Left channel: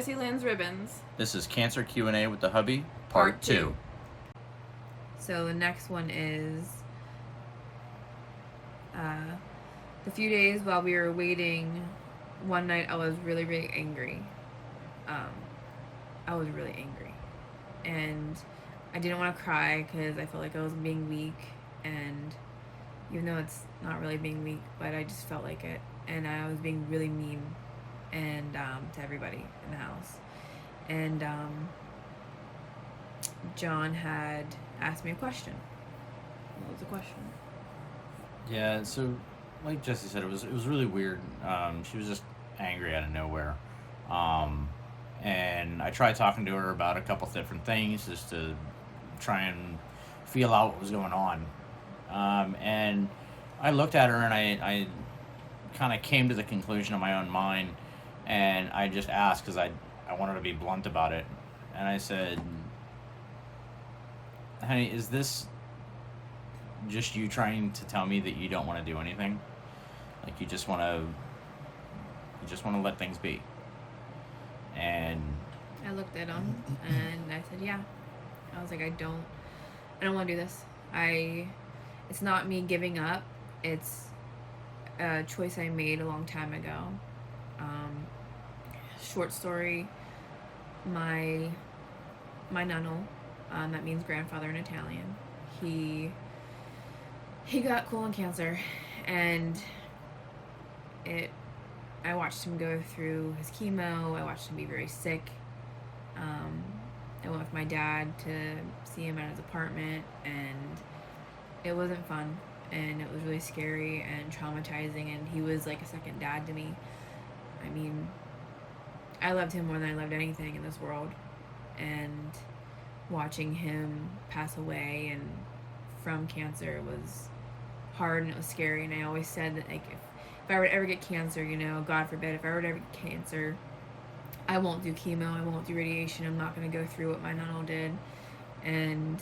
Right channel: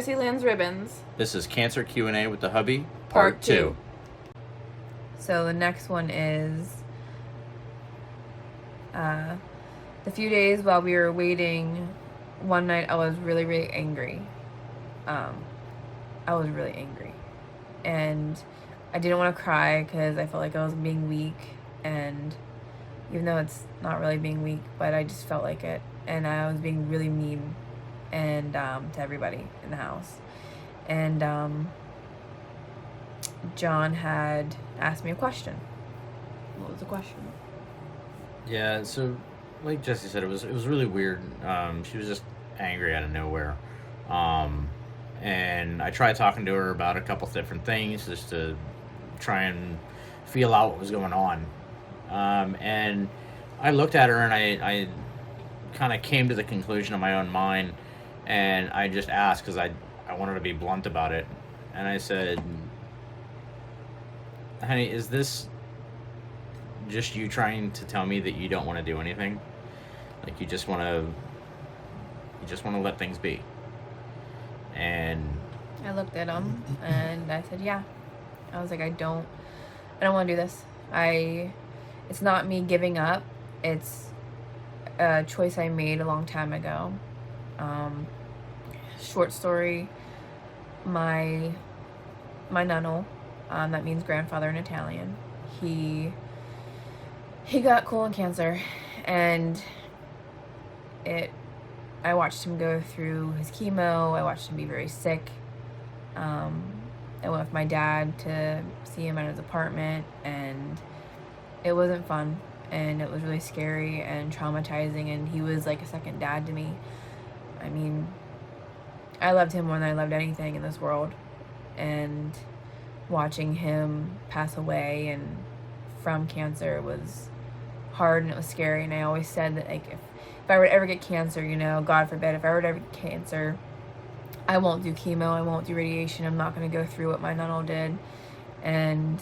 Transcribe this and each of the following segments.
Jessie Lynn's Ribbons. This is Cancer Q&A with the Hubby, Part 2. So the next one is the few days while we were waiting. One night I was really, really angry. I was really angry. And I didn't want to cry because I felt like I was being weak. And even though it's not really being weak, but I just felt like it. And I was being really mean and to everybody in the house. And John had asked me a question. What was the question? Yeah, so like Jessie said, it was really weird. She was just angry out of nowhere. And I tried talking to her about a couple different things just to try and feel out what was going on. And I looked at her and I kind of came to the conclusion of my own mind, and I just asked because I wanted to be blunt about it. And I said, honey, is this just you trying to tell me that you don't want to do anything? Like you just want to let things be? And I looked at him and I said, yeah. I was like, I don't want to do this. It's not me giving up. It's a choice I made a long time ago. Short story, my nonno, that means grandfather in Italian, he got colon cancer, and I watched him go through his chemo. I watched him be very sick. I went with my dad to see him at his apartment, and it wasn't fun, and it was really scary and traumatizing, and he was like a second dad to me. I mean, I loved him more than I loved anything in this world, and watching him pass away and from cancer was hard, and it was scary. And I always said that, like, if I were to ever get cancer, you know, God forbid, if I were to ever get cancer, I won't do chemo, I won't do radiation, I'm not going to go through what my nonno did. And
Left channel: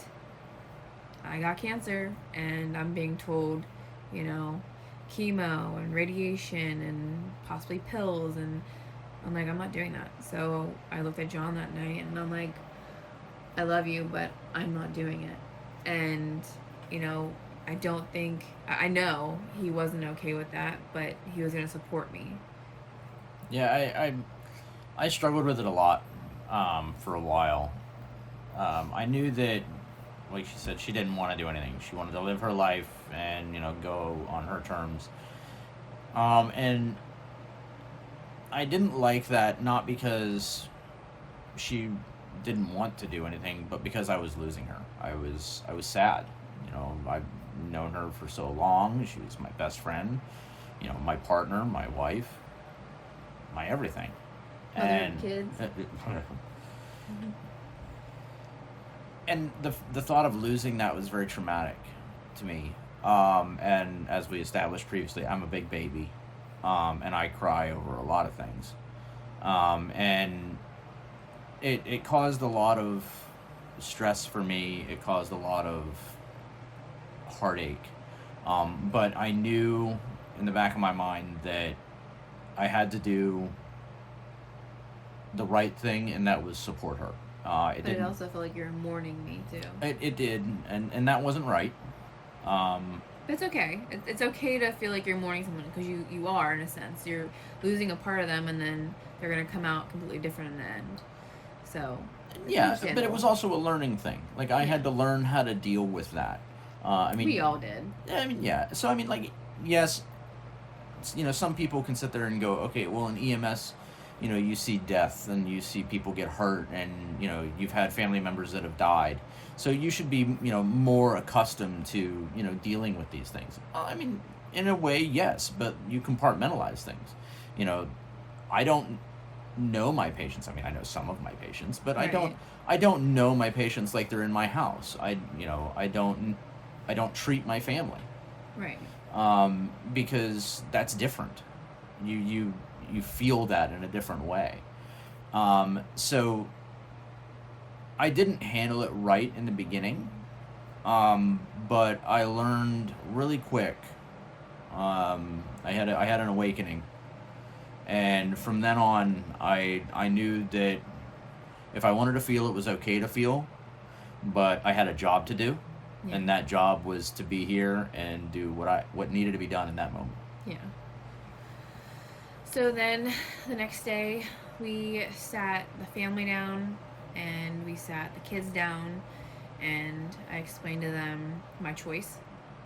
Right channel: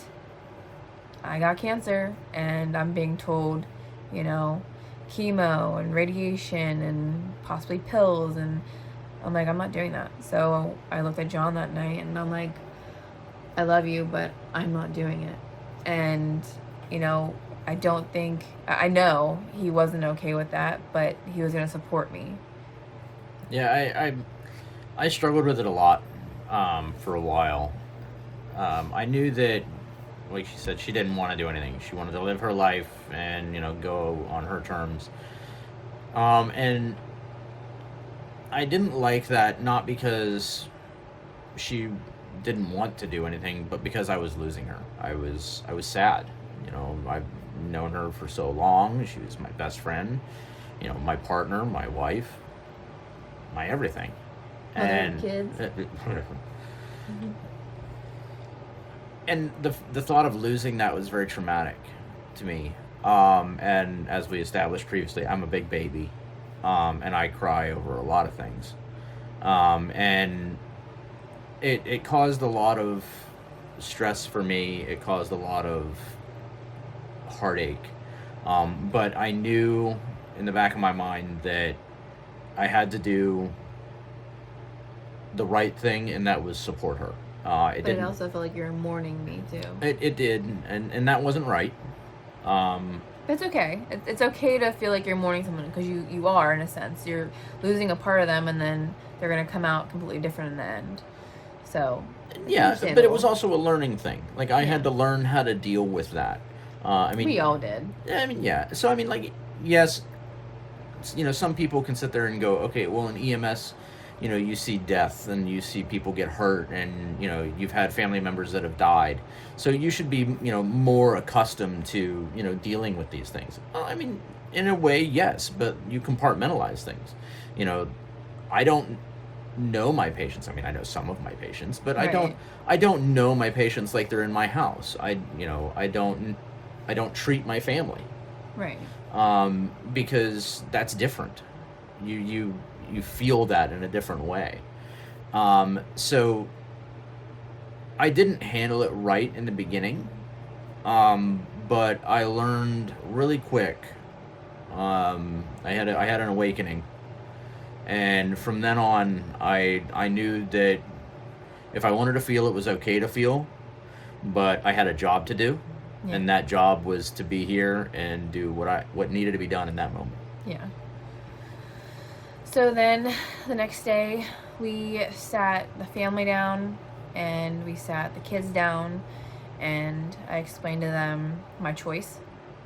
I got cancer, and I'm being told, you know, chemo and radiation and possibly pills, and I'm like, I'm not doing that. So I looked at John that night, and I'm like, I love you, but I'm not doing it. And, you know, I know he wasn't okay with that, but he was going to support me. yeah, I struggled with it a lot for a while. I knew that, like she said, she didn't want to do anything. She wanted to live her life and, you know, go on her terms. And I didn't like that, not because she didn't want to do anything, but because I was losing her. I was sad. You know, I've known her for so long. She was my best friend, you know, my partner, my wife, my everything. And kids. And the thought of losing that was very traumatic to me. And as we established previously, I'm a big baby, and I cry over a lot of things. And it caused a lot of stress for me. It caused a lot of heartache. But I knew in the back of my mind that I had to do the right thing, and that was support her. But it also felt like you were mourning me too. It did, and that wasn't right. But it's okay. It's okay to feel like you're mourning someone, because you are, in a sense. You're losing a part of them, and then they're going to come out completely different in the end. So, yeah, but it was also a learning thing. Like, I had to learn how to deal with that. I mean, we all did. I mean, yeah. So, I mean, like, yes, you know, some people can sit there and go, okay, well, in EMS, you know, you see death and you see people get hurt, and, you know, you've had family members that have died. So you should be, you know, more accustomed to, you know, dealing with these things. I mean, in a way, yes, but you compartmentalize things. You know, I don't know my patients. I mean, I know some of my patients, but right. I don't know my patients like they're in my house. I don't treat my family. Right. Because that's different. You feel that in a different way. So I didn't handle it right in the beginning, but I learned really quick. I had an awakening, And from then on, I knew that if I wanted to feel, it was okay to feel, but I had a job to do, Yeah. and that job was to be here and do what needed to be done in that moment. Yeah. So then the next day we sat the family down and we sat the kids down, and I explained to them my choice,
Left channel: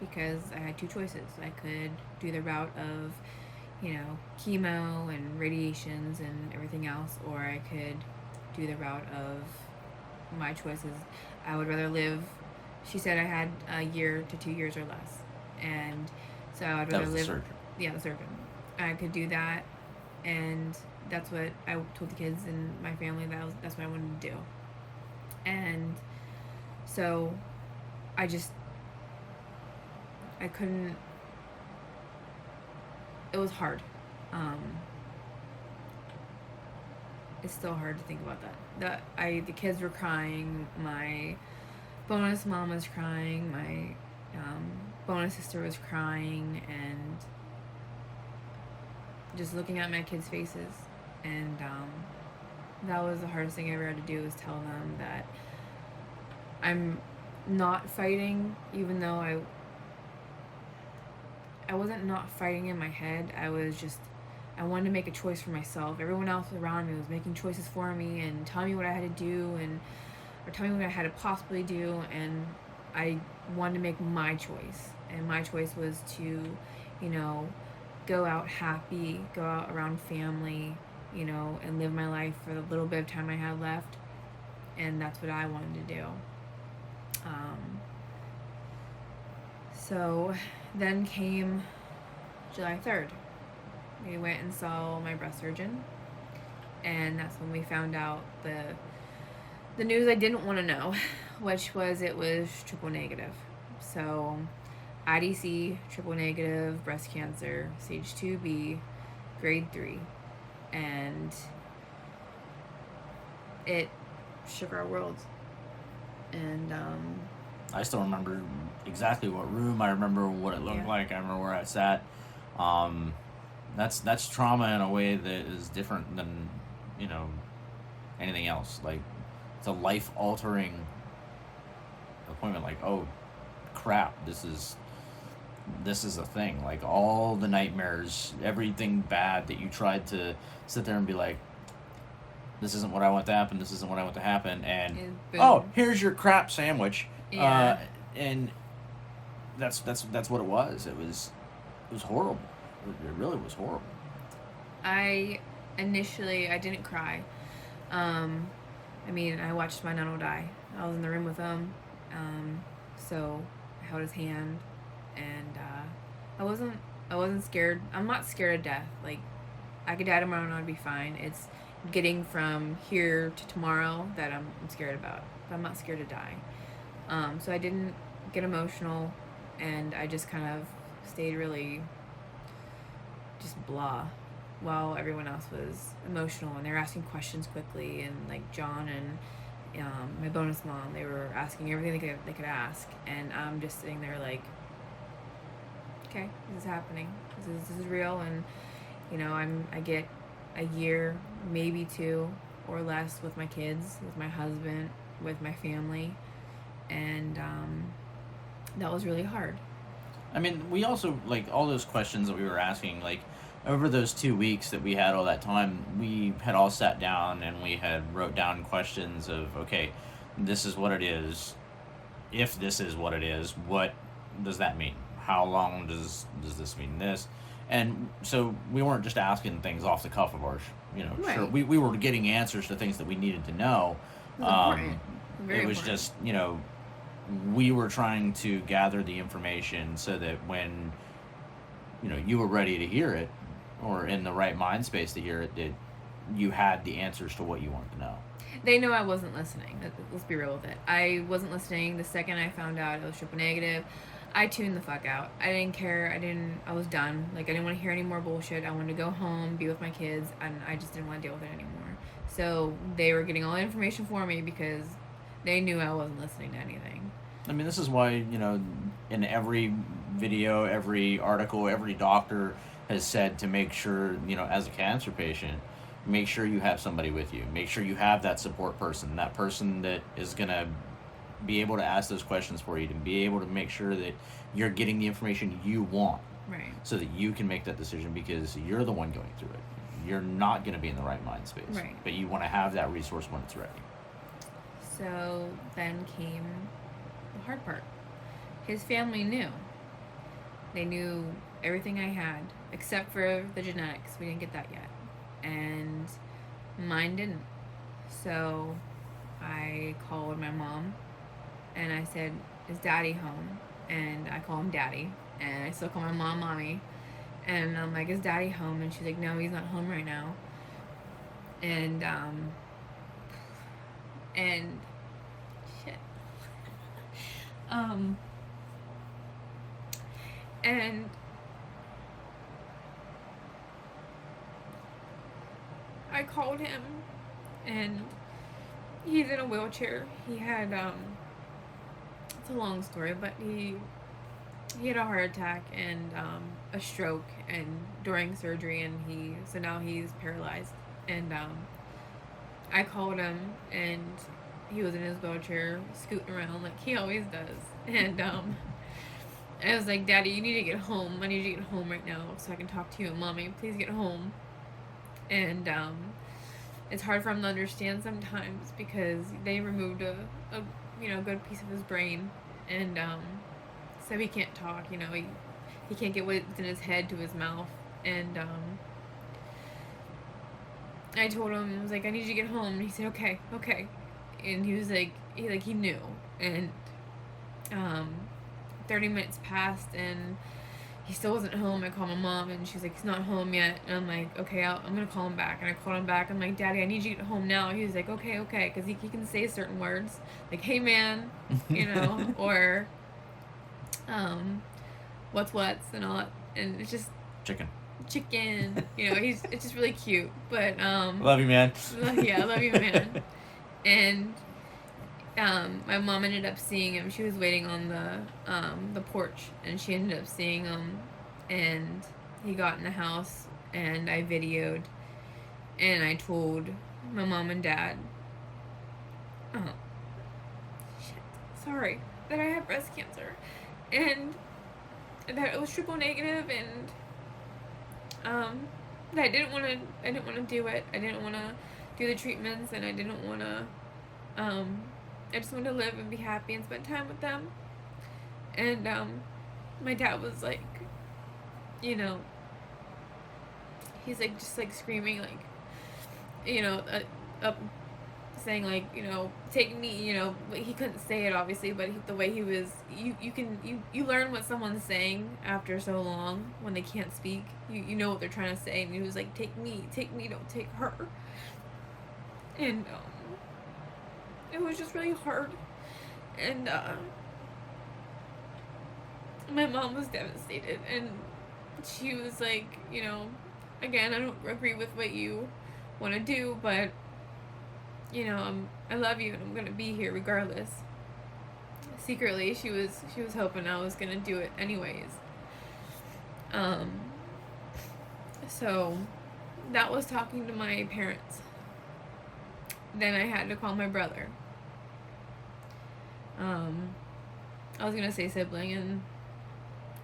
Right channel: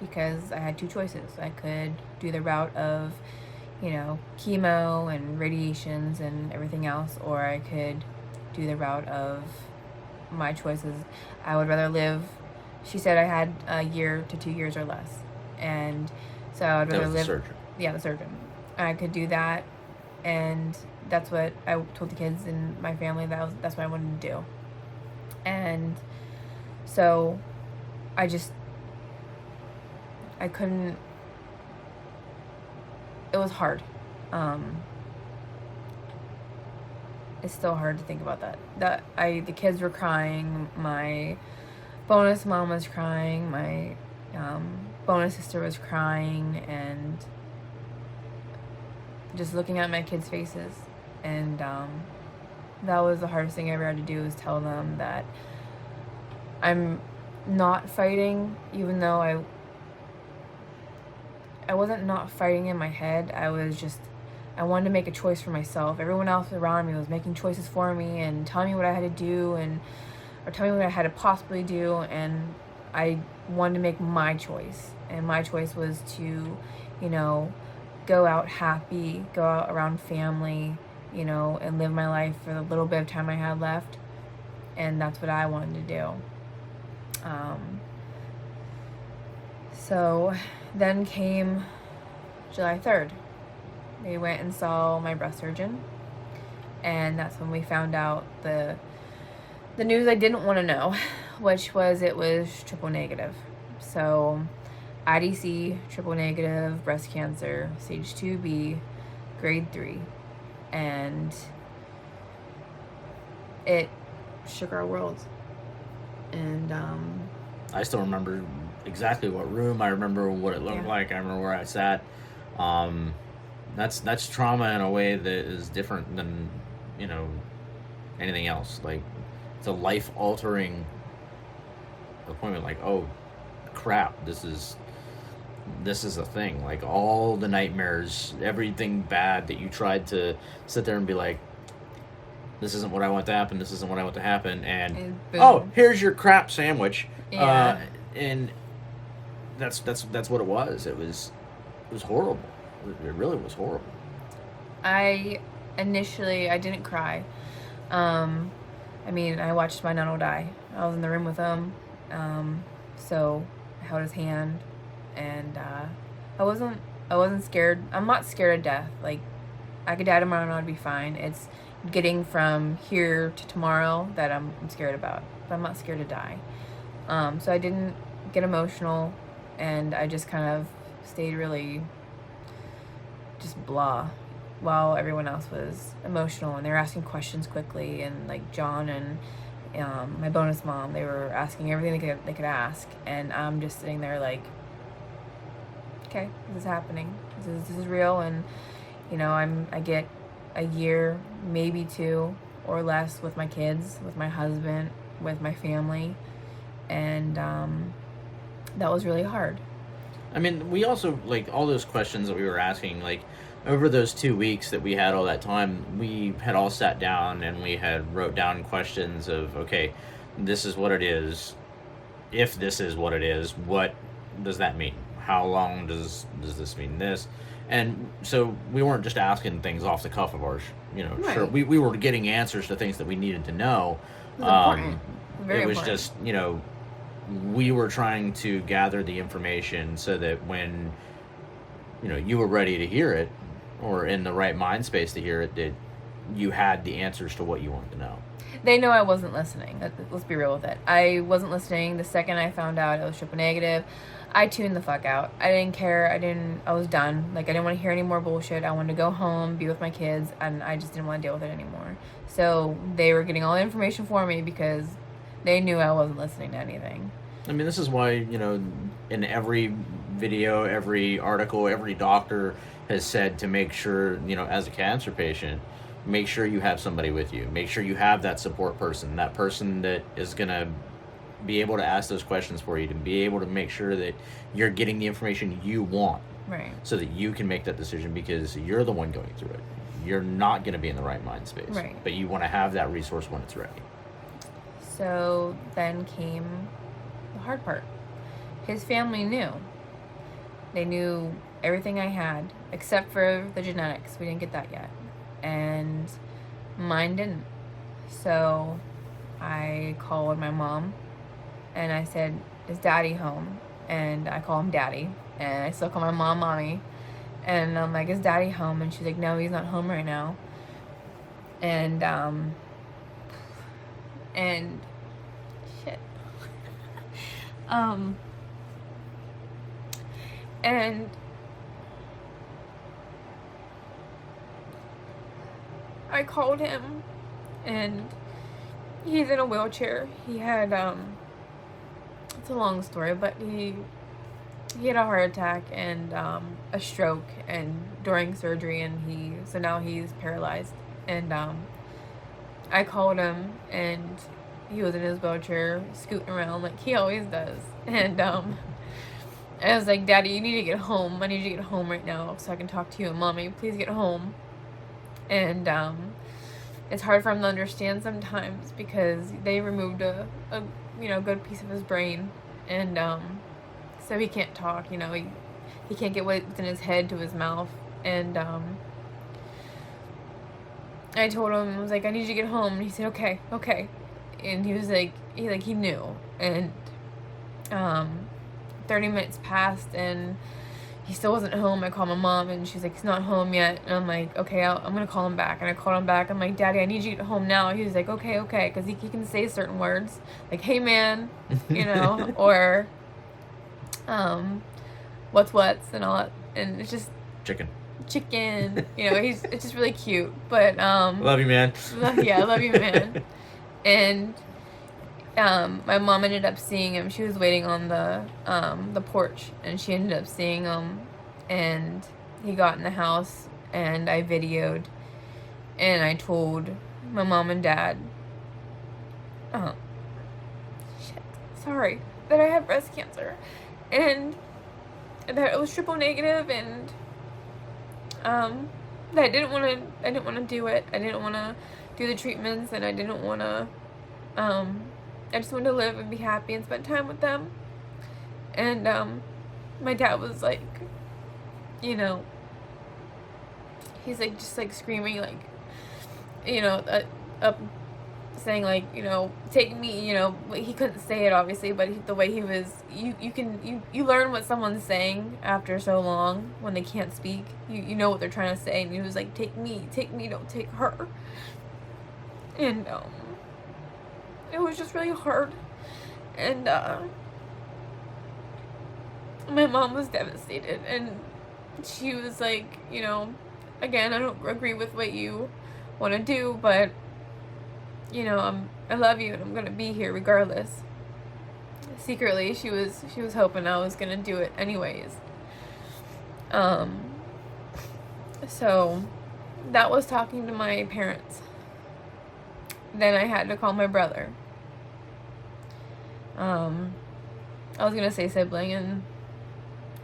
because I had two choices. I could do the route of, you know, chemo and radiations and everything else, or I could do the route of my choices. I would rather live, she said I had a year to 2 years or less, and so I'd rather That was the live. surgeon. Yeah, the surgeon. I could do that, and that's what I told the kids and my family, that's what I wanted to do. And so I couldn't, it was hard. It's still hard to think about that. The kids were crying, my bonus mom was crying, my bonus sister was crying, and just looking at my kids' faces. And that was the hardest thing I ever had to do, was tell them that I'm not fighting, even though I wasn't not fighting in my head. I wanted to make a choice for myself. Everyone else around me was making choices for me and telling me what I had to do, or telling me what I had to possibly do, and I wanted to make my choice. And my choice was to, you know, go out happy, go out around family, you know, and live my life for the little bit of time I had left. And that's what I wanted to do. So then came July 3rd. We went and saw my breast surgeon, and that's when we found out the news I didn't want to know, which was it was triple negative. So IDC, triple negative, breast cancer, stage 2B, grade 3. And it shook our worlds. And I still remember exactly what room. I remember what it looked like. I remember where I sat. That's trauma in a way that is different than, you know, anything else. Like, it's a life-altering appointment. Like, oh crap, this is a thing. Like, all the nightmares, everything bad that you tried to sit there and be like, this isn't what I want to happen, this isn't what I want to happen, and oh, here's your crap sandwich. And that's what it was. It was horrible. It really was horrible. I didn't cry. I mean, I watched my nano die. I was in the room with him. So I held his hand, and I wasn't scared. I'm not scared of death. Like, I could die tomorrow and I'd be fine. It's getting from here to tomorrow that I'm scared about. But I'm not scared to die. So I didn't get emotional, and I just kind of stayed really just blah, while everyone else was emotional, and they were asking questions quickly, and like John and my bonus mom, they were asking everything they could ask, and I'm just sitting there like, okay, this is happening, this is real. And you know, I get a year, maybe 2 or less, with my kids, with my husband, with my family, and that was really hard. I mean, we also, like, all those questions that we were asking, like, over those 2 weeks that we had all that time, we had all sat down and we had wrote down questions of, okay, this is what it is. If this is what it is, what does that mean? How long does this mean this? And so we weren't just asking things off the cuff of ours, you know, Right. Sure, we were getting answers to things that we needed to know. It was important. Very it was important. just, you know, we were trying to gather the information so that when, you know, you were ready to hear it, or in the right mind space to hear it, that you had the answers to what you wanted to know. They know I wasn't listening. Let's be real with it. I wasn't listening. The second I found out it was triple negative, I tuned the fuck out. I didn't care. I was done. Like, I didn't want to hear any more bullshit. I wanted to go home, be with my kids, and I just didn't want to deal with it anymore. So they were getting all the information for me because they knew I wasn't listening to anything. I mean, this is why, you know, in every video, every article, every doctor has said to make sure, as a cancer patient, make sure you have somebody with you. Make sure you have that support person, that person that is going to be able to ask those questions for you, to be able to make sure that you're getting the information you want. Right. So that you can make that decision, because you're the one going through it. You're not going to be in the right mind space. Right. But you want to have that resource when it's ready. So then came the hard part. His family knew. They knew everything I had, except for the genetics. We didn't get that yet. And mine didn't. So I called my mom and I said, "Is Daddy home?" And I call him Daddy. And I still call my mom Mommy. And I'm like, "Is Daddy home?" And she's like, "No, he's not home right now." And shit. And I called him, and he's in a wheelchair. He had it's a long story, but he had a heart attack and a stroke, and during surgery, and so now he's paralyzed. And I called him, and he was in his wheelchair scooting around like he always does. And I was like, "Daddy, you need to get home. I need you to get home right now so I can talk to you and Mommy. Please get home." And it's hard for him to understand sometimes, because they removed a good piece of his brain, and so he can't talk. He can't get what's in his head to his mouth. And I told him, I was like, "I need you to get home." And he said, okay. And he was like, he knew. And 30 minutes passed, and he still wasn't home. I called my mom, and she's like, "He's not home yet." And I'm like, "Okay, I'm gonna call him back." And I called him back. I'm like, "Daddy, I need you to get home now." He's like, okay, because he can say certain words like, "Hey man," or what's and all that. And it's just Chicken. It's just really cute. But love you, man. I love you, man. And my mom ended up seeing him. She was waiting on the porch, and she ended up seeing him, and he got in the house, and I videoed, and I told my mom and dad, that I had breast cancer, and that it was triple negative, and that I didn't want to do it. I didn't want to do the treatments, and I didn't want to I just wanted to live and be happy and spend time with them. And my dad was like, he's like just like screaming, like, up saying like, "Take me," he couldn't say it obviously, but the way he was, you learn what someone's saying after so long when they can't speak. You know what they're trying to say. And he was like, take me, don't take her." And it was just really hard. And my mom was devastated, and she was like, "Again, I don't agree with what you want to do, but I love you, and I'm gonna be here regardless." Secretly, she was hoping I was gonna do it anyways. So that was talking to my parents. Then I had to call my brother. I was gonna say sibling, and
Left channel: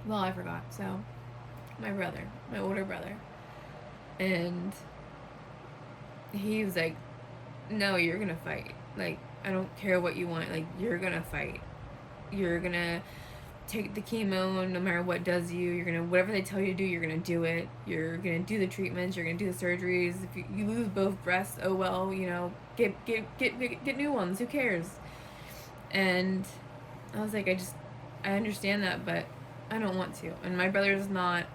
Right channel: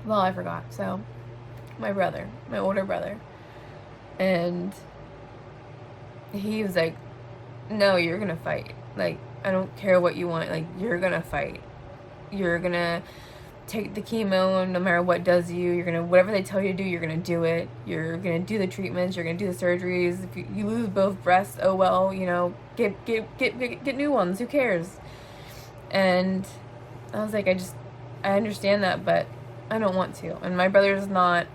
well, I forgot. So my brother, my older brother, and he was like, "No, you're gonna fight. Like, I don't care what you want. Like, you're gonna fight. You're gonna take the chemo, and no matter what does you're gonna, whatever they tell you to do, you're gonna do it. You're gonna do the treatments. You're gonna do the surgeries. If you lose both breasts, oh well. Get new ones. Who cares?" And I was like, I understand that, but I don't want to. And my brother's not,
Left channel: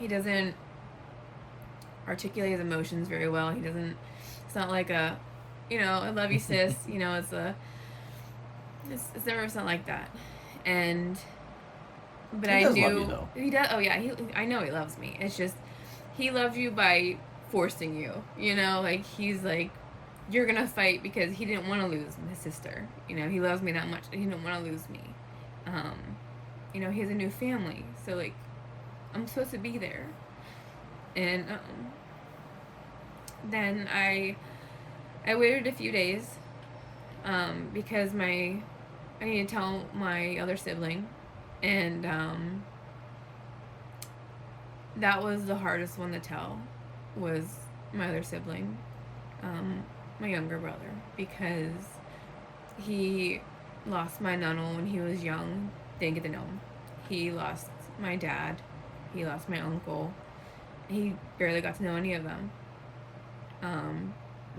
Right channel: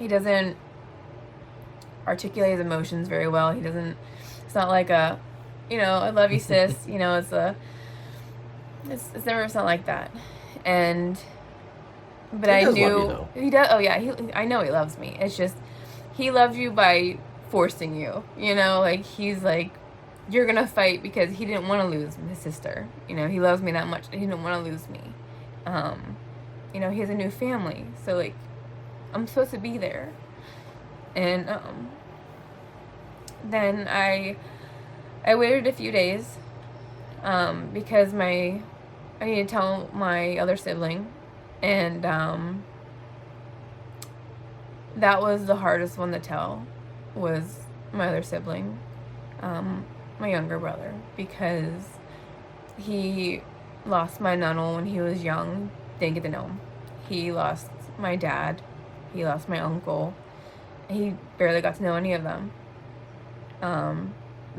he doesn't articulate his emotions very well. It's not like a, "I love you, sis." It's never something like that. But He I does knew love you, though. he does. Oh yeah, I know he loves me. It's just he loves you by forcing you. Like he's like, "You're gonna fight," because he didn't want to lose his sister. He loves me that much. He didn't want to lose me. He has a new family, so like I'm supposed to be there. And then I waited a few days because I need to tell my other sibling, and that was the hardest one to tell, was my other sibling, my younger brother, because he lost my nunno when he was young, didn't get to know him. He lost my dad, he lost my uncle, and he barely got to know any of them.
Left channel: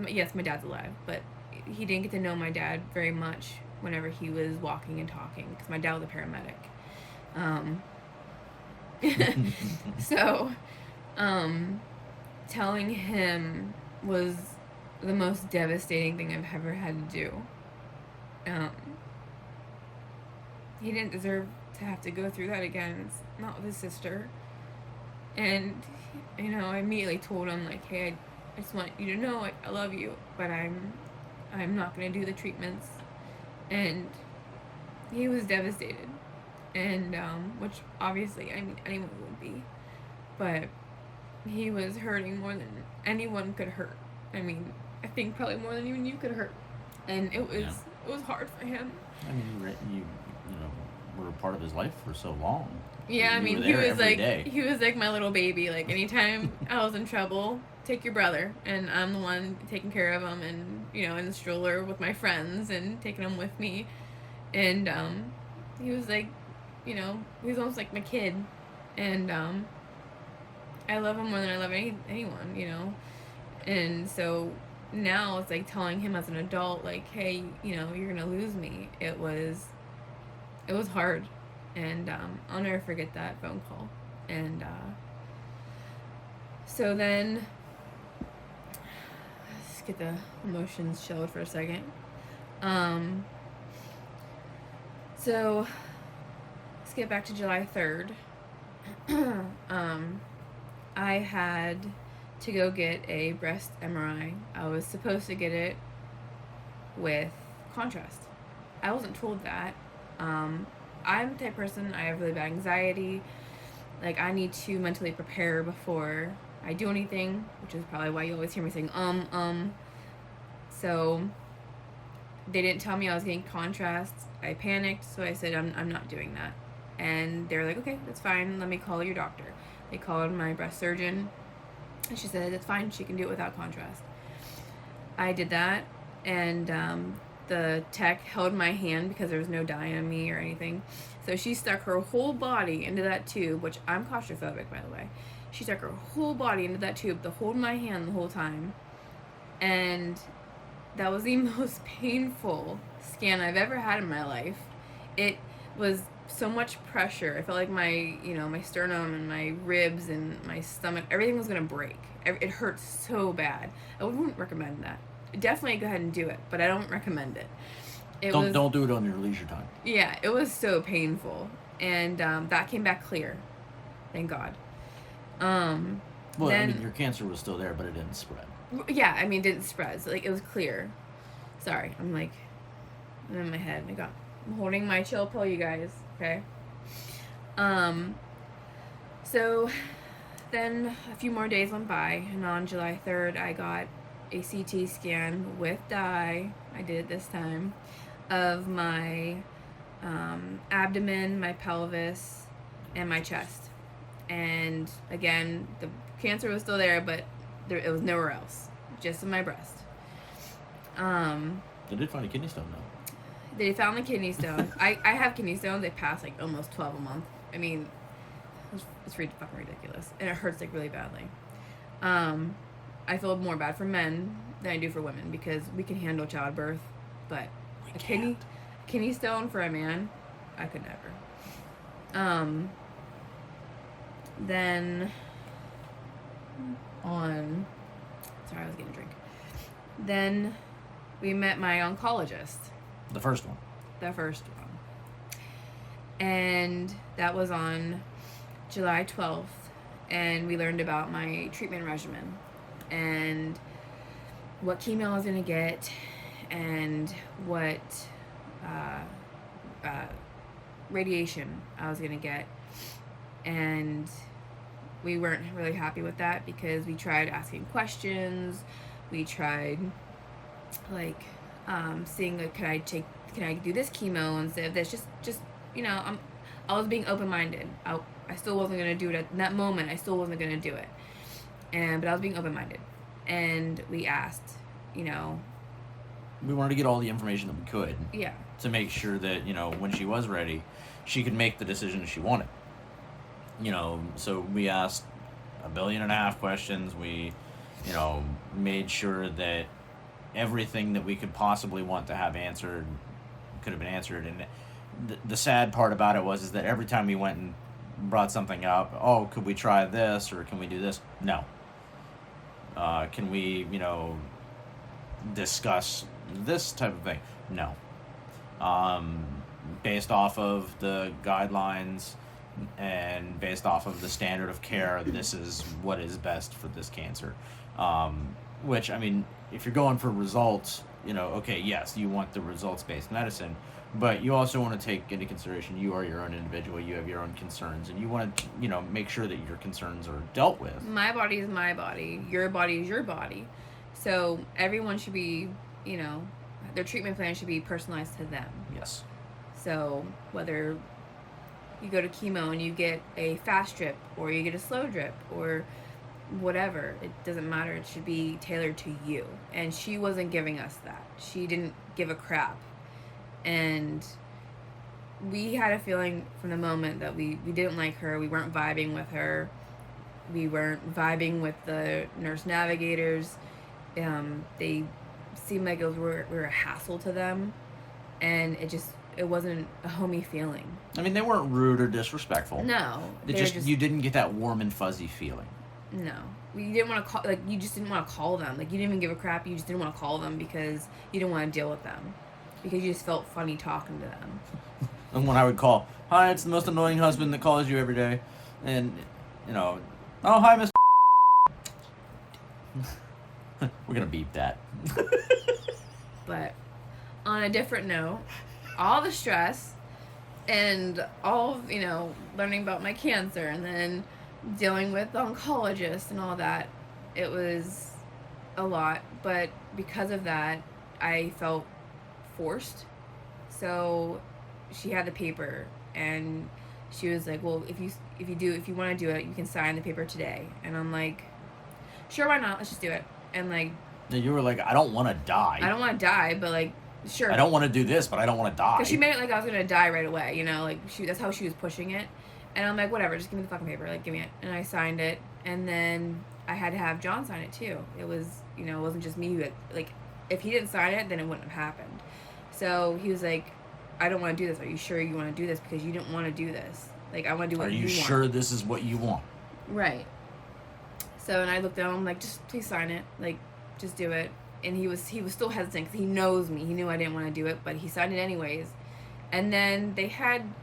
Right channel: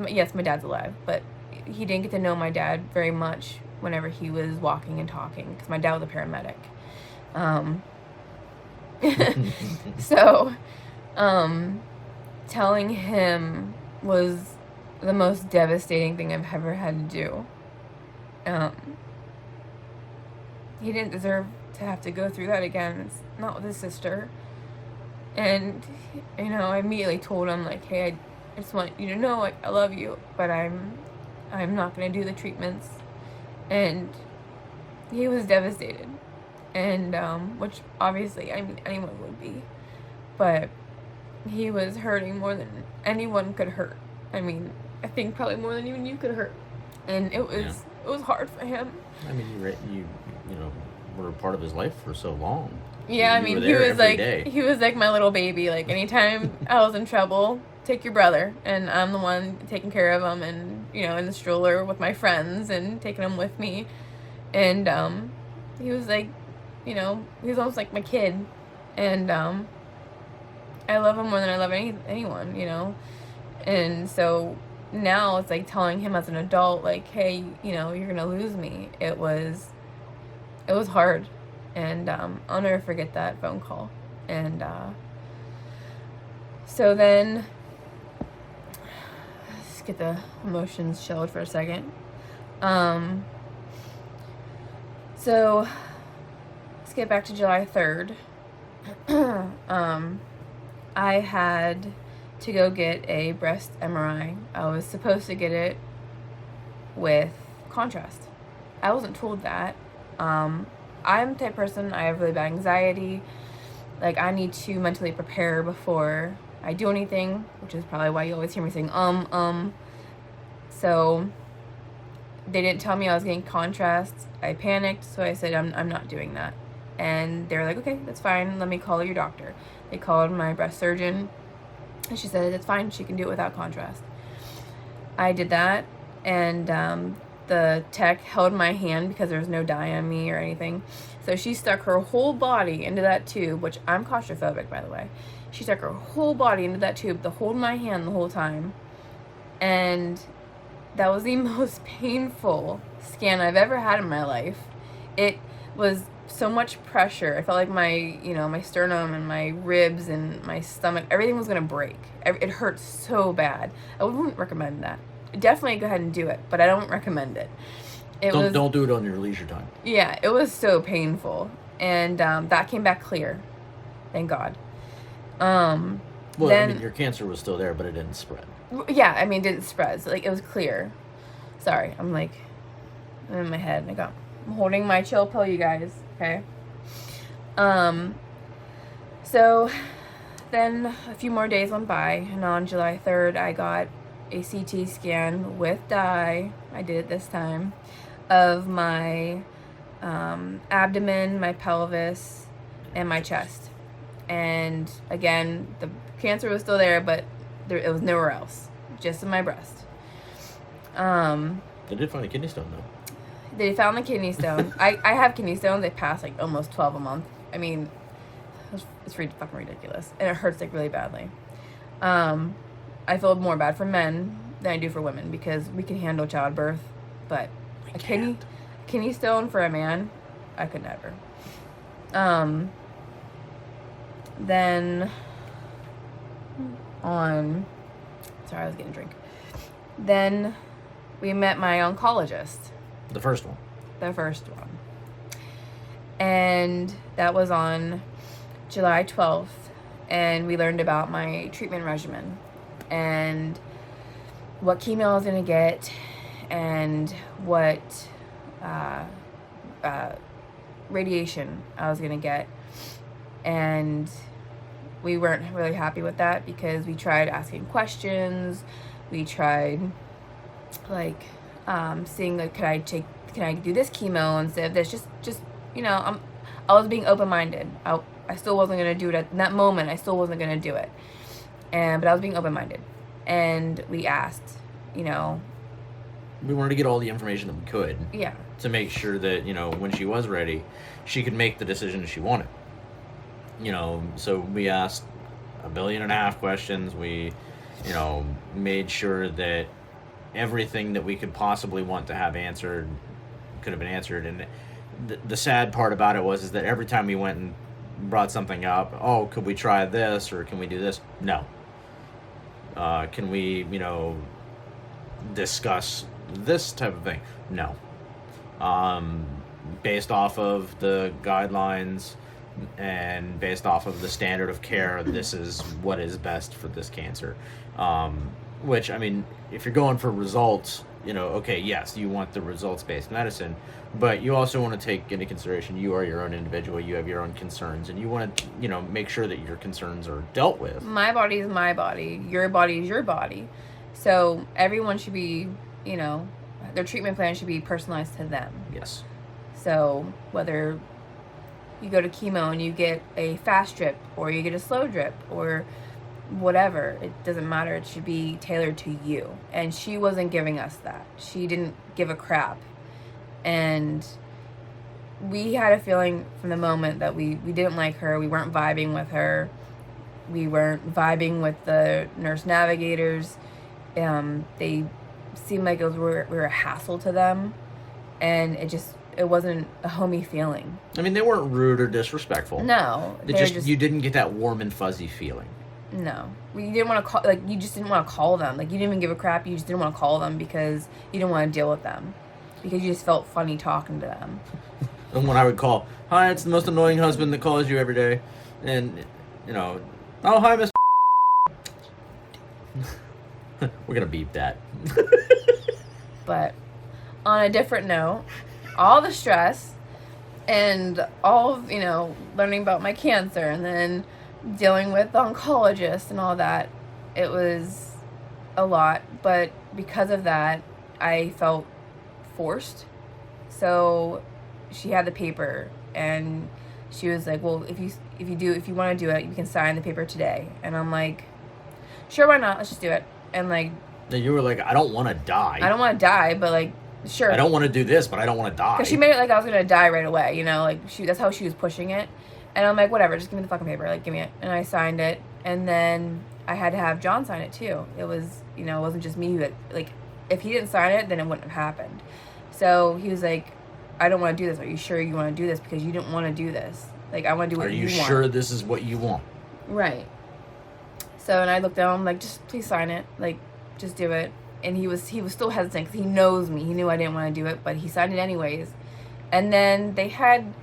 Yes, my dad's alive, but he didn't get to know my dad very much whenever he was walking and talking, because my dad was a paramedic. So, telling him was the most devastating thing I've ever had to do. He didn't deserve to have to go through that again. It's not with his sister. And, you know, I immediately told him, like, hey, I just want you to know I love you, but I'm not going to do the treatments. And he was devastated. And, which obviously, I mean, anyone would be. But he was hurting more than anyone could hurt. I mean, I think probably more than even you could hurt. And it was hard for him. I mean, you know, were a part of his life for so long. Yeah, I mean, he was like my little baby. Like, anytime I was in trouble, take your brother, and I'm the one taking care of him, and, you know, in the stroller with my friends and taking him with me. And he was like, you know, he was almost like my kid. And I love him more than I love anyone, you know. And so now it's like telling him as an adult, like, hey, you know, you're gonna lose me. It was hard. And I'll never forget that phone call. And so then, let's get the emotions shelled for a second. So let's get back to July 3rd. I had to go get a breast MRI. I was supposed to get it with contrast. I wasn't told that. I'm the type of person, I have really bad anxiety. Like, I need to mentally prepare before I do anything, which is probably why you always hear me saying, So, they didn't tell me I was getting contrast. I panicked, so I said, I'm not doing that. And they were like, okay, that's fine, let me call your doctor. They called my breast surgeon, and she said, it's fine, she can do it without contrast. I did that, and the tech held my hand because there was no dye on me or anything. So she stuck her whole body into that tube, which I'm claustrophobic, by the way. She stuck her whole body into that tube to hold my hand the whole time. And that was the most painful scan I've ever had in my life. It was so much pressure. I felt like my, you know, my sternum and my ribs and my stomach, everything was gonna break. It hurt so bad. I wouldn't recommend that. Definitely go ahead and do it, but I don't recommend it. Don't do it on your leisure time. Yeah, it was so painful, and that came back clear, thank God. Well, I mean, your cancer was still there, but it didn't spread. Yeah, I mean, it didn't spread. So, like, it was clear. Sorry, I'm in my head. I'm holding my chill pill, you guys. Okay. So then a few more days went by, and on July 3rd, I got a CT scan with dye. I did it this time, of my abdomen, my pelvis, and my chest. And again, the cancer was still there, but it was nowhere else, just in my breast. They did find a kidney stone, though. They found the kidney stone. I have kidney stones. They pass like almost 12 a month. I mean, it's fucking ridiculous, and it hurts like really badly. I feel more bad for men than I do for women because we can handle childbirth, but a kidney stone for a man, I could never. Then sorry, I was getting a drink. Then we met my oncologist. The first one. And that was on July 12th, and we learned about my treatment regimen and what chemo I was going to get and what radiation I was going to get. And we weren't really happy with that because we tried asking questions. We tried, like, seeing, like, can I do this chemo instead of this? Just you know, I was being open-minded. I still wasn't going to do it in that moment. I still wasn't going to do it. But I was being open-minded. And we asked, you know. We wanted to get all the information that we could. Yeah. To make sure that, you know, when she was ready, she could make the decision she wanted. You know, so we asked 1.5 billion questions. We, you know, made sure that everything that we could possibly want to have answered could have been answered. And the sad part about it is that every time we went and brought something up, oh, could we try this or can we do this? No. Can we, you know, discuss this type of thing? No. Based off of the guidelines and based off of the standard of care, this is what is best for this cancer. Which, I mean, if you're going for results, you know, okay, yes, you want the results-based medicine, but you also want to take into consideration you are your own individual, you have your own concerns, and you want to, you know, make sure that your concerns are dealt with. My body is my body. Your body is your body. So everyone should be, you know, their treatment plan should be personalized to them. Yes. So whether you go to chemo and you get a fast drip or you get a slow drip or whatever, it doesn't matter. It should be tailored to you. And she wasn't giving us that. She didn't give a crap. And we had a feeling from the moment that we didn't like her. We weren't vibing with her. We weren't vibing with the nurse navigators. They seemed like we were a hassle to them. And it wasn't a homey feeling. I mean, they weren't rude or disrespectful. No. You didn't get that warm and fuzzy feeling. No. You didn't want to call, like, you just didn't want to call them. Like, you didn't even give a crap. You just didn't want to call them because you didn't want to deal with them. Because you just felt funny talking to them. And when I would call, hi, it's the most annoying husband that calls you every day. And, you know, oh, hi, Miss. We're going to beep that. But on a different note, all the stress and all of, you know, learning about my cancer and then dealing with the oncologist and all that, it was a lot. But because of that, I felt forced. So she had the paper and she was like, well, if you want to do it, you can sign the paper today. And I'm like, sure, why not? Let's just do it. And like, you were like, I don't want to die. I don't want to die, but like, sure. I don't want to do this, but I don't want to die. Because she made it like I was gonna die right away, you know, like that's how she was pushing it. And I'm like, whatever, just give me the fucking paper, like give me it. And I signed it, and then I had to have John sign it too. It was, you know, it wasn't just me like if he didn't sign it, then it wouldn't have happened. So he was like, I don't want to do this. Are you sure you want to do this? Because you didn't want to do this. Like, I want to do what you want. Are you sure this is what you want? Right. So, and I looked down, I'm like, just please sign it. Like, just do it. And he was still hesitant because he knows me. He knew I didn't want to do it, but he signed it anyways. And then they had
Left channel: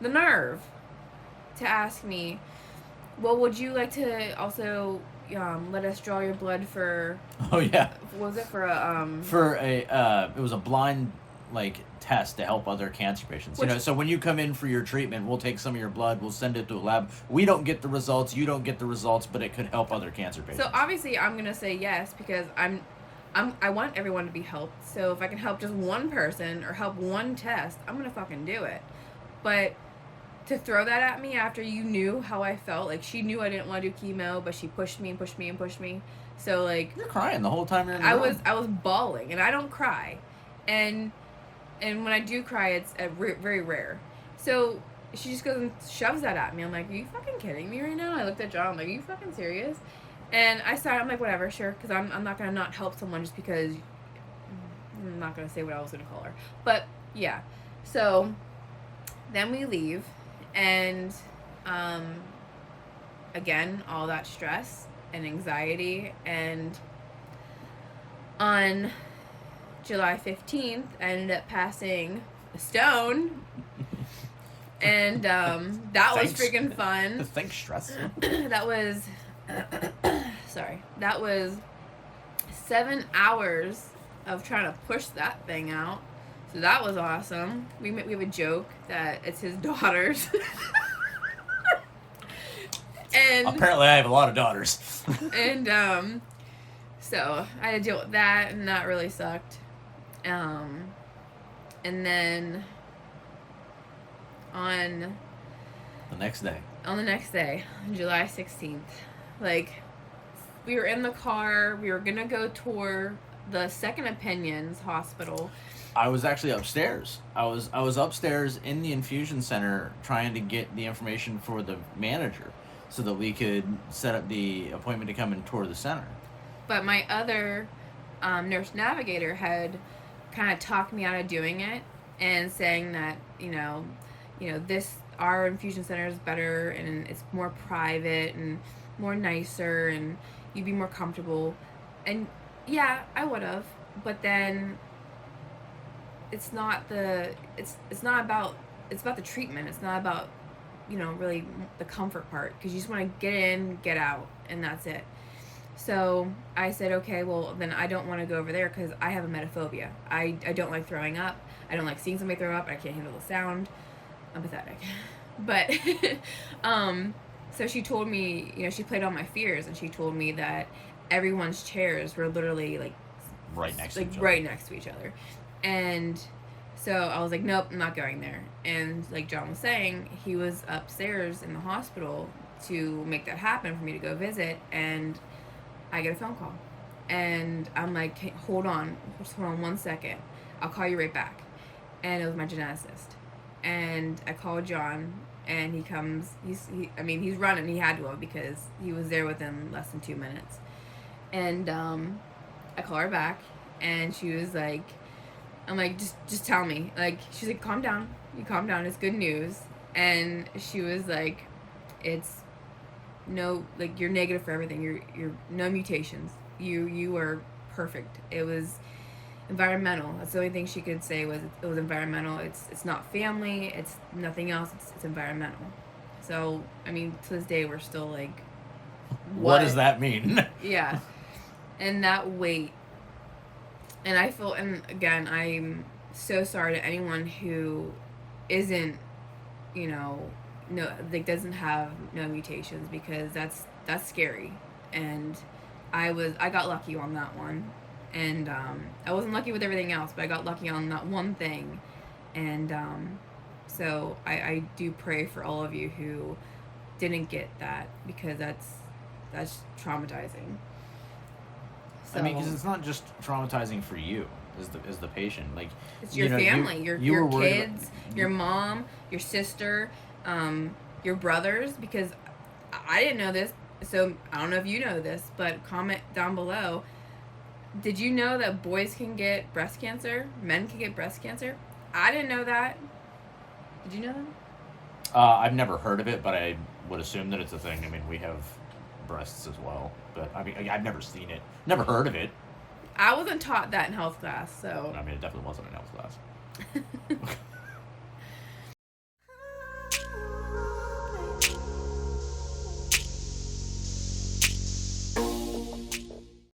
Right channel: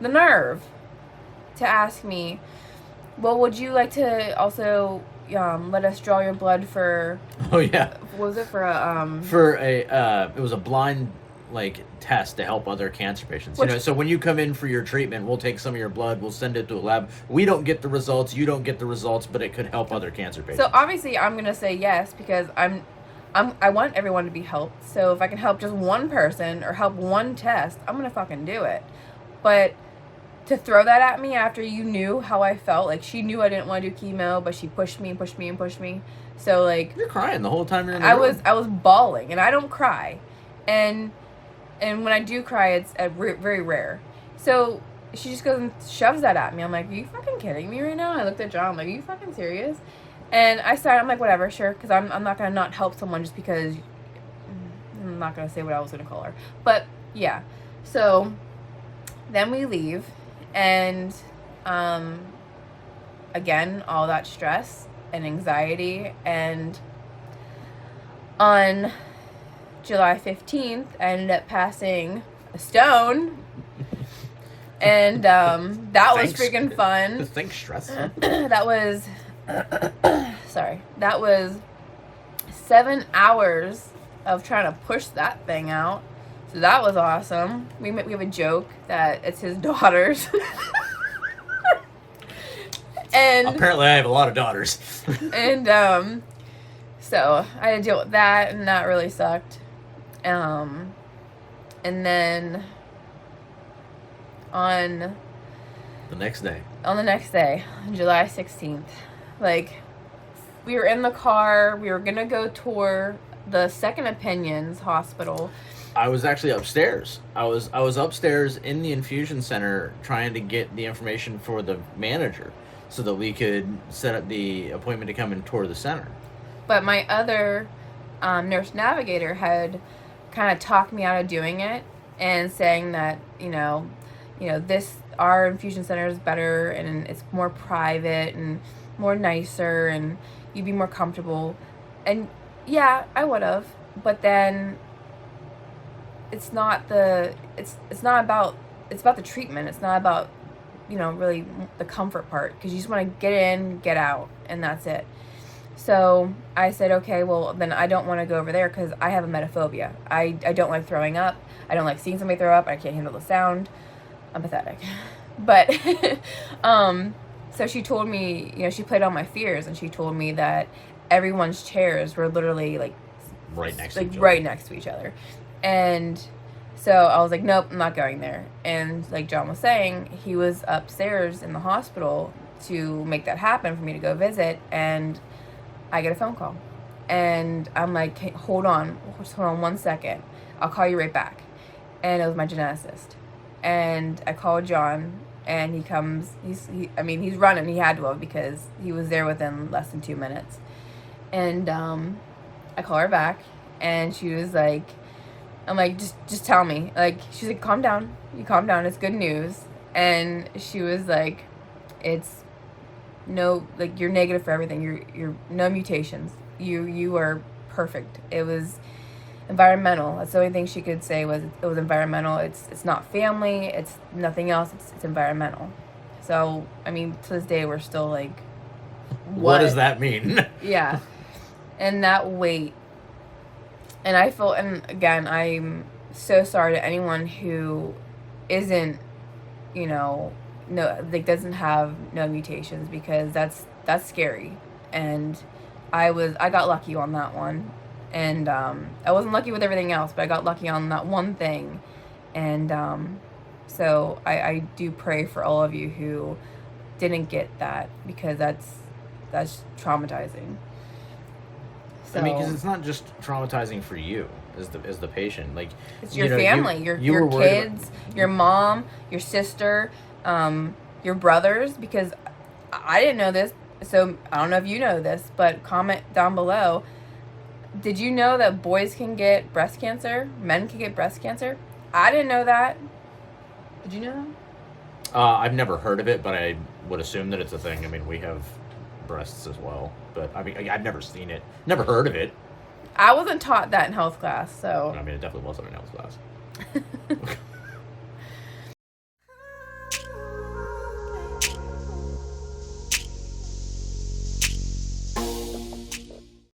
the nerve to ask me, well, would you like to also let us draw your blood for... Oh, yeah. What was it for a... For a, it was a blind, like, test to help other cancer patients. You know, so when you come in for your treatment, we'll take some of your blood, we'll send it to a lab. We don't get the results, you don't get the results, but it could help other cancer patients. So obviously I'm going to say yes because I want everyone to be helped. So if I can help just one person or help one test, I'm going to fucking do it. But to throw that at me after you knew how I felt, like she knew I didn't want to do chemo, but she pushed me and pushed me and pushed me. So like... You're crying the whole time you're in the room. I was bawling, and I don't cry. And when I do cry, it's very rare. So she just goes and shoves that at me. I'm like, are you fucking kidding me right now? And I looked at John, I'm like, are you fucking serious? And I started, I'm like, whatever, sure, because I'm not going to not help someone just because I'm not going to say what I was going to call her. But, yeah. So, then we leave, and, again, all that stress and anxiety, and on July 15th, I ended up passing a stone, and, that was freaking fun. Thanks, stressful. That was... sorry, that was 7 hours of trying to push that thing out. So that was awesome. We have a joke that it's his daughter's. And apparently I have a lot of daughters. and so I had to deal with that, and that really sucked. And then on The next day, on July 16th, like, we were in the car, we were gonna go tour the Second Opinions hospital. I was actually upstairs. I was upstairs in the infusion center trying to get the information for the manager so that we could set up the appointment to come and tour the center. But my other nurse navigator had kind of talked me out of doing it and saying that, our infusion center is better and it's more private and more nicer and you'd be more comfortable. And yeah, I would have, but then it's about the treatment. It's not about, really the comfort part, because you just want to get in, get out, and that's it. So I said, okay, well, then I don't want to go over there because I have a emetophobia. I don't like throwing up. I don't like seeing somebody throw up. I can't handle the sound. I'm pathetic. But, so she told me, she played on my fears, and she told me that everyone's chairs were literally, like, right next to each other. And so I was like, nope, I'm not going there. And like John was saying, he was upstairs in the hospital to make that happen for me to go visit, and I get a phone call. And I'm like, hey, hold on 1 second. I'll call you right back. And it was my geneticist. And I called John, and he comes, he's running, he had to have, because he was there within less than 2 minutes. And I call her back, and she was like, I'm like, just tell me. Like, she's like, calm down. You calm down. It's good news. And she was like, it's no, like, you're negative for everything. You're no mutations. You are perfect. It was environmental. That's the only thing she could say was it was environmental. It's not family. It's nothing else. It's environmental. So, I mean, to this day, we're still like, what does that mean? Yeah. And that weight. And I feel, and again, I'm so sorry to anyone who isn't, doesn't have no mutations, because that's scary. And I got lucky on that one. And I wasn't lucky with everything else, but I got lucky on that one thing. And so I do pray for all of you who didn't get that, because that's traumatizing. I mean, because it's not just traumatizing for you as the patient. Like, it's your family, your kids, your mom, your sister, your brothers. Because I didn't know this, so I don't know if you know this, but comment down below. Did you know that boys can get breast cancer? Men can get breast cancer? I didn't know that. Did you know that? I've never heard of it, but I would assume that it's a thing. I mean, we have breasts as well, but I mean, I've never seen it, never heard of it. I wasn't taught that in health class, so I mean, it definitely wasn't in health class.